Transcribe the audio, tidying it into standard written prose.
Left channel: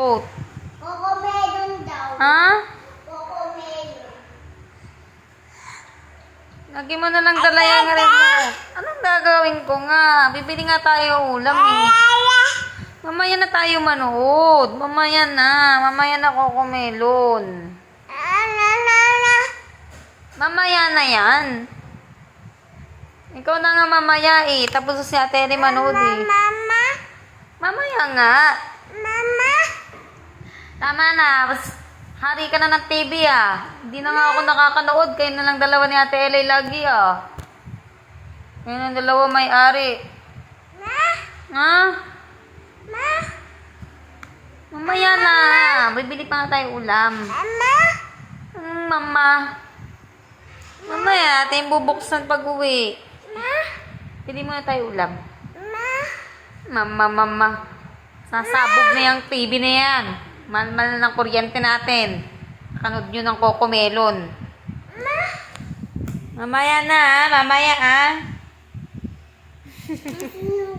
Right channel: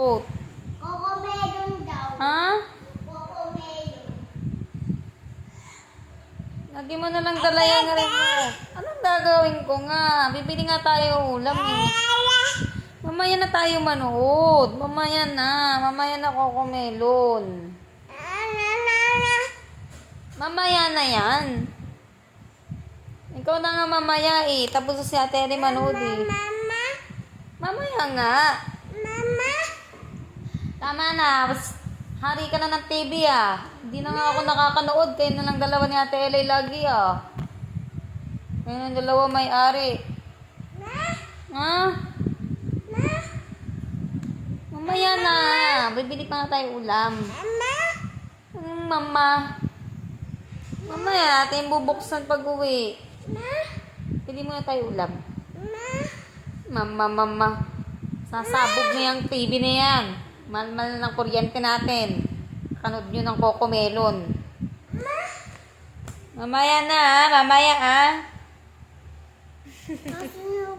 Oh. Cocomelon daw. Ha? Cocomelon. Lagi mo na lang dala yung remote. Anong gagawin ko nga? Bibili nga tayo ulam eh. Mamaya na tayo manood. Mamaya na. Mamaya na Cocomelon. Mamaya na yan. Ikaw na nga mamaya eh. Tapos si Ate Eri manood eh. Mama. Mamaya nga. Mama. Tama na. Bas, hari ka na ng TV ah. Hindi na nga ako nakakanood. Kayo na lang dalawa ni Ate Eli lagi ah. Kayo na dalawa may-ari. Ma. Ha? Ma. Mamaya na. Bibili pa nga tayo ulam. Mama. Mama. Mamaya, natin bubuksan pag-uwi. Ma. Pili muna tayo ulam. Ma. Mama. Sasabog na yung TV na yan. Mahal na ng kuryente natin. Kanood nyo ng Cocomelon. Mamaya na, mamaya ah.